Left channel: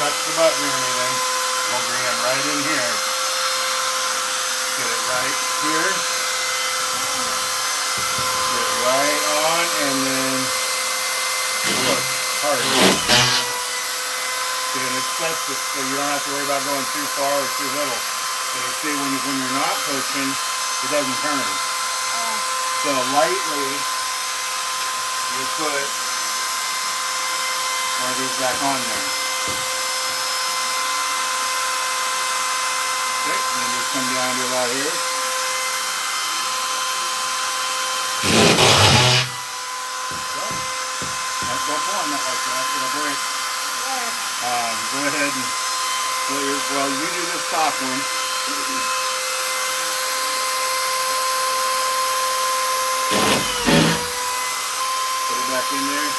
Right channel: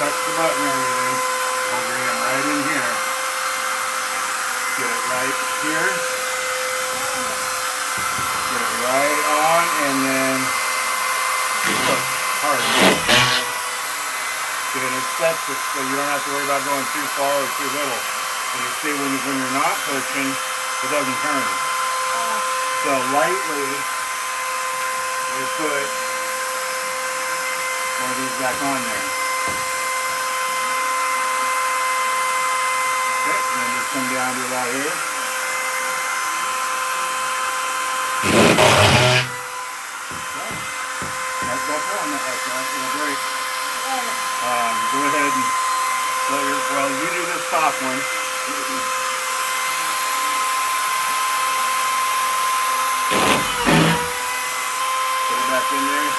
touch the button or anything. I'll bring it right in here. Get it right here. Get it right on, and then look, hard. See, and it sets it so you don't have to worry about going too far or too little. And you see, when you're not pushing, it doesn't turn. So lightly, you put one of these back on there. Okay, and then just come down to about here. Don't pull on that like that, it'll break. Go ahead and let your, well, you do this top one. Put it back in there.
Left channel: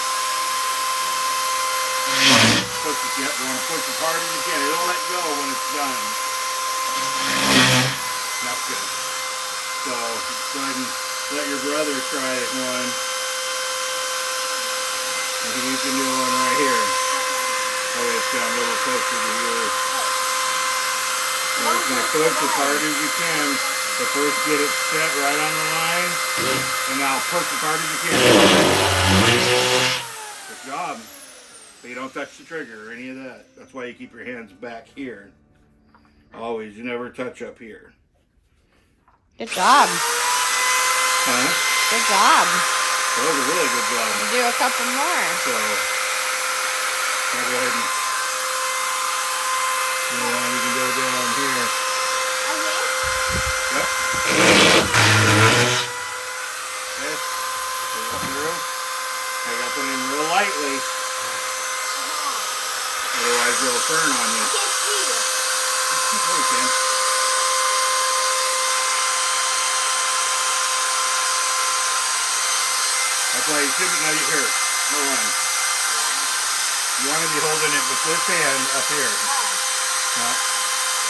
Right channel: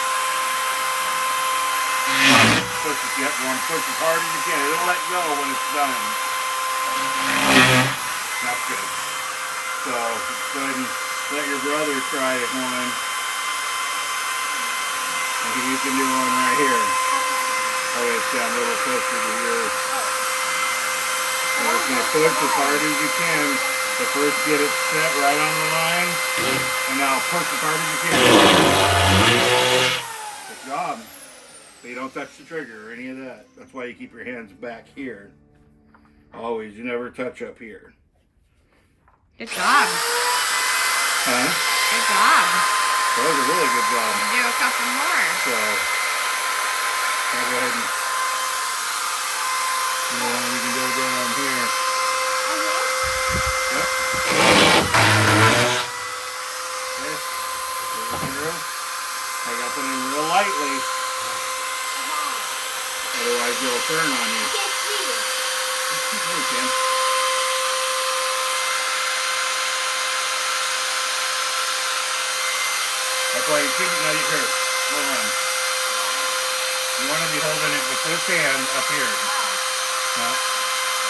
Push it, yep, you want to push as hard as you can. It'll let go when it's done. That's good. So go ahead and let your brother try it one. And you can do one right here. Oh, it's down a little closer to yours. So it's going to push as hard as you can. But first get it set right on the line. And now push as hard as you can. Good job. So you don't touch the trigger or any of that. That's why you keep your hands back here. Always. You never touch up here. Good job. Huh? Good job. That was a really good job. Do a couple more. So, I'll go ahead and, we can go down here. Yep. Okay. Through. I got to put it in real lightly. Otherwise it'll turn on you. Okay. That's why you shouldn't let it hurt. Hold on. You want to be holding it with this hand up here. Now,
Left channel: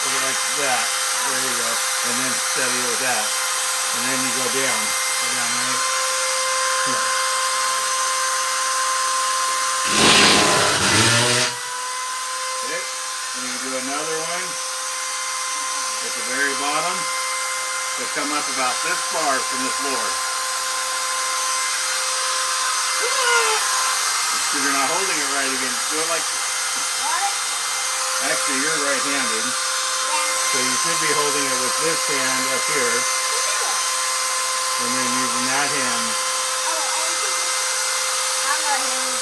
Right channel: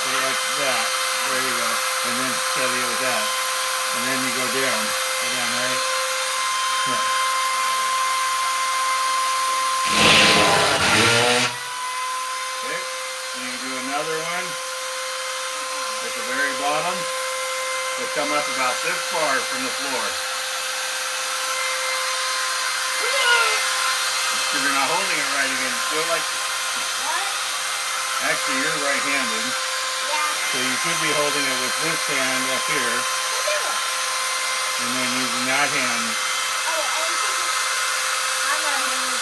put it like that. There you go. And then steady it with that. And then you go down. Go down, right? Yeah. Okay. And you do another one at the very bottom. So come up about this far from the floor. If you're not holding it right again, do it like what? Actually, you're right-handed. Yeah. So you should be holding it with this hand up here. And then using that hand.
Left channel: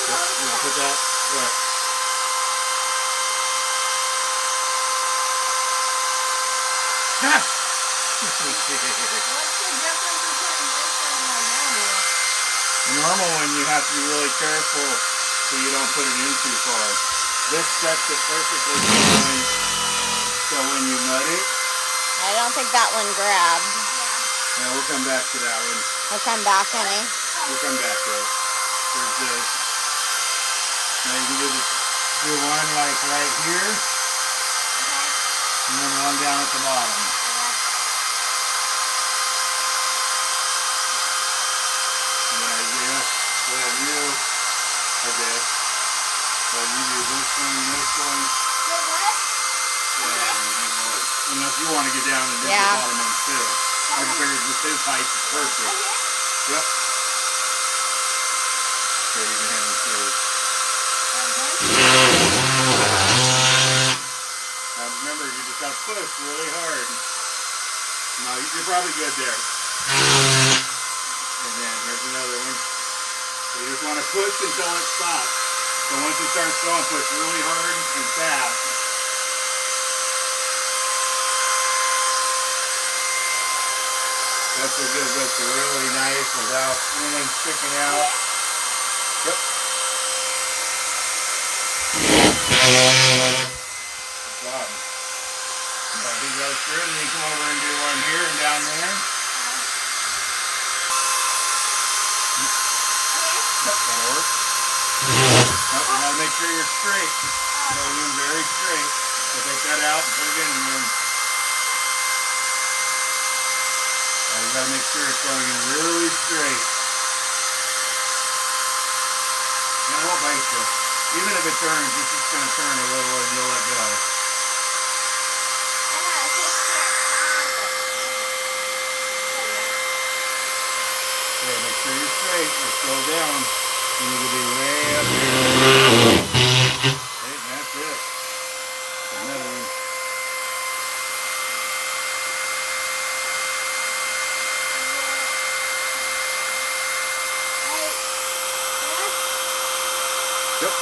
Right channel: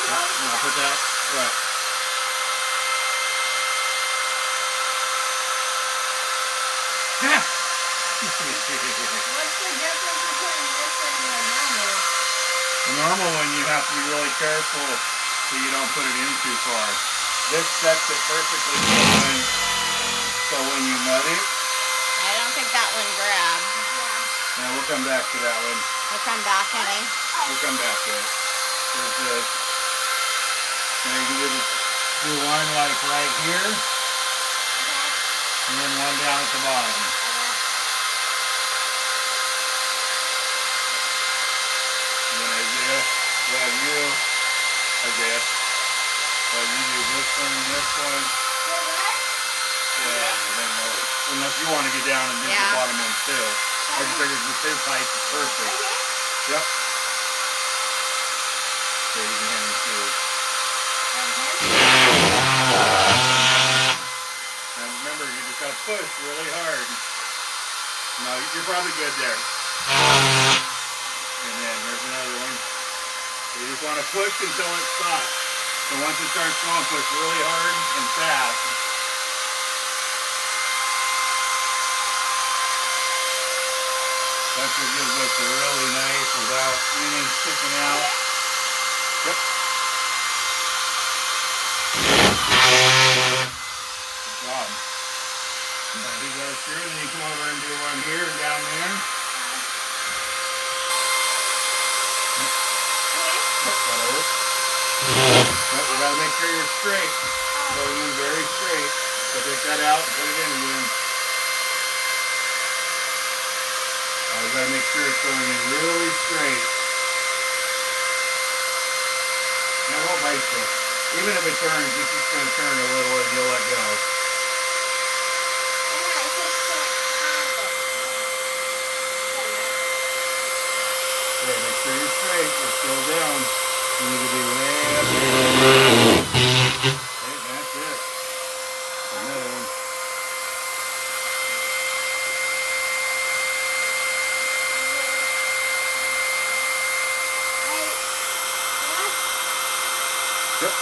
I'm not put that right. Ha! What's the difference between this and normal? The normal one, you have to be really careful so you don't put it in too far. This sets it perfectly fine, so when you nut it... I don't think that one grabbed. Yeah. No, we'll come back to that one. We'll come back, honey. We'll come back to it. Here's this. Now you can do one like right here, and then one down at the bottom. Well, you do this one and this one. Unless you want to get down and do the bottom one too. I just figured with his height is perfect. Yep. So you can hand it through. And remember, you just got to push really hard. No, you're probably good there. And then here's another one. You just want to push until it stops. So once it starts going, push really hard and fast. That's what gives us a really nice without anything sticking out. Yep. Good job. So he goes through and you come over and do one here and down there. That'll work. Nope, you gotta make sure you're straight. Going in very straight. So take that out and put it in again. You gotta make sure it's going in really straight. And it won't bite you. Even if it turns, it's just going to turn a little and you'll let go. Okay, make sure you're straight. Let's slow down. You need to be way up here. Okay, that's it. Another one. Yep.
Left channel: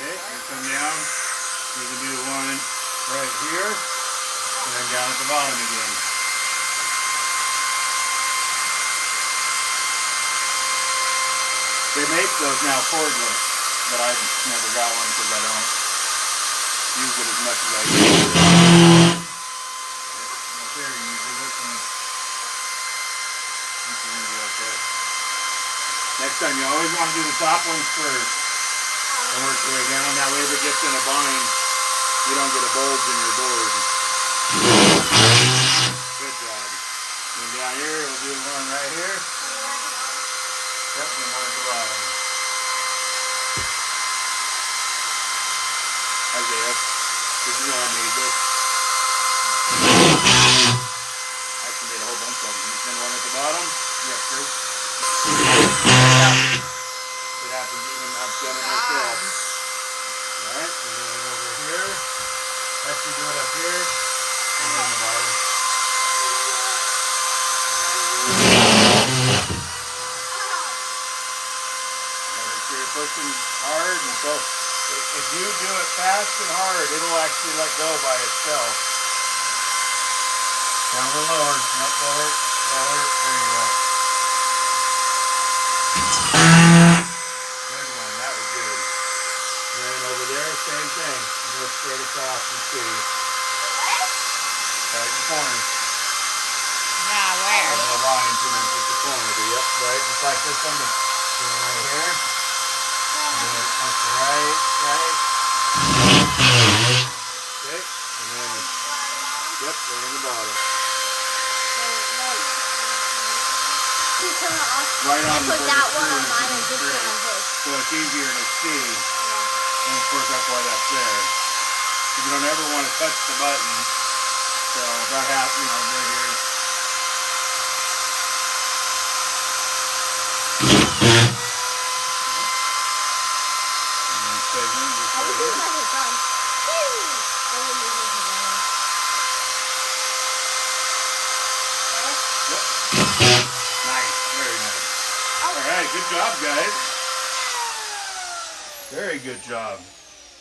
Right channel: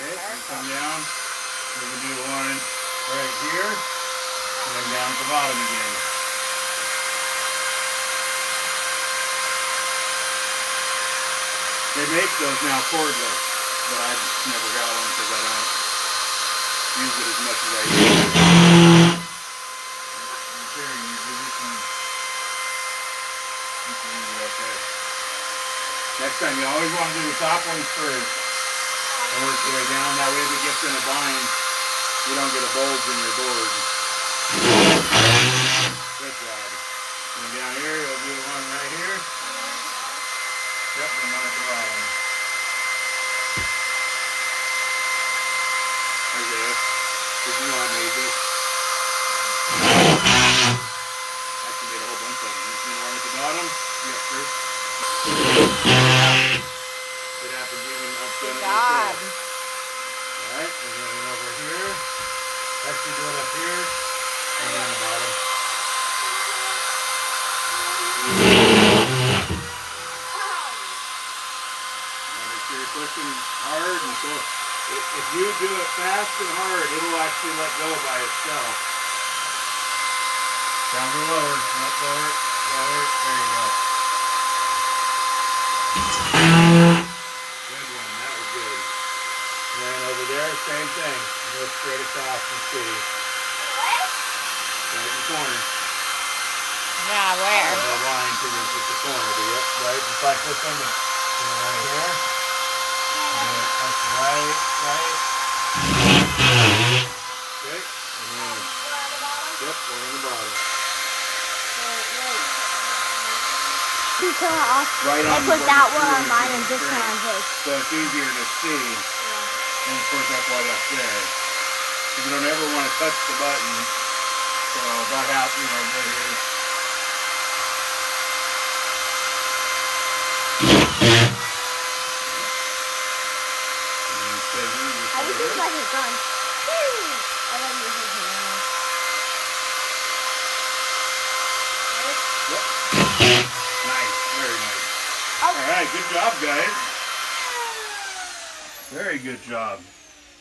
Okay, come down. We can do one right here, and then down at the bottom again. They make those now cordless, but I just never got one because I don't use it as much as I used to. There, you do this one. Next time, you always want to do the top ones first and work your way down. That way, if it gets in a bind, you don't get a bulge in your board. Good job. And down here, you'll do one right here. Yep, and one at the bottom. I guess. Because you know I made this. Actually made a whole bunch of them. Then one at the bottom. Yep, sure. It happens even up to the top. Alright, and then over here. Actually do it up here. And then the bottom. Make sure you're pushing hard, and so if you do it fast and hard, it'll actually let go by itself. Down or lower, not lower, lower, there you go. Good one, that was good. And then over there, same thing. You go straight across and see. Right in the corner. Yeah, where? The line to the corner, yep, right, just like this one. Right here. That's right. Okay, and then, yep, right on the bottom. Right on the bottom. So it's easier to see. And of course that's why that's there. You don't ever want to touch the button. So about half, right here. Nice, very nice. All right, good job, guys. Very good job.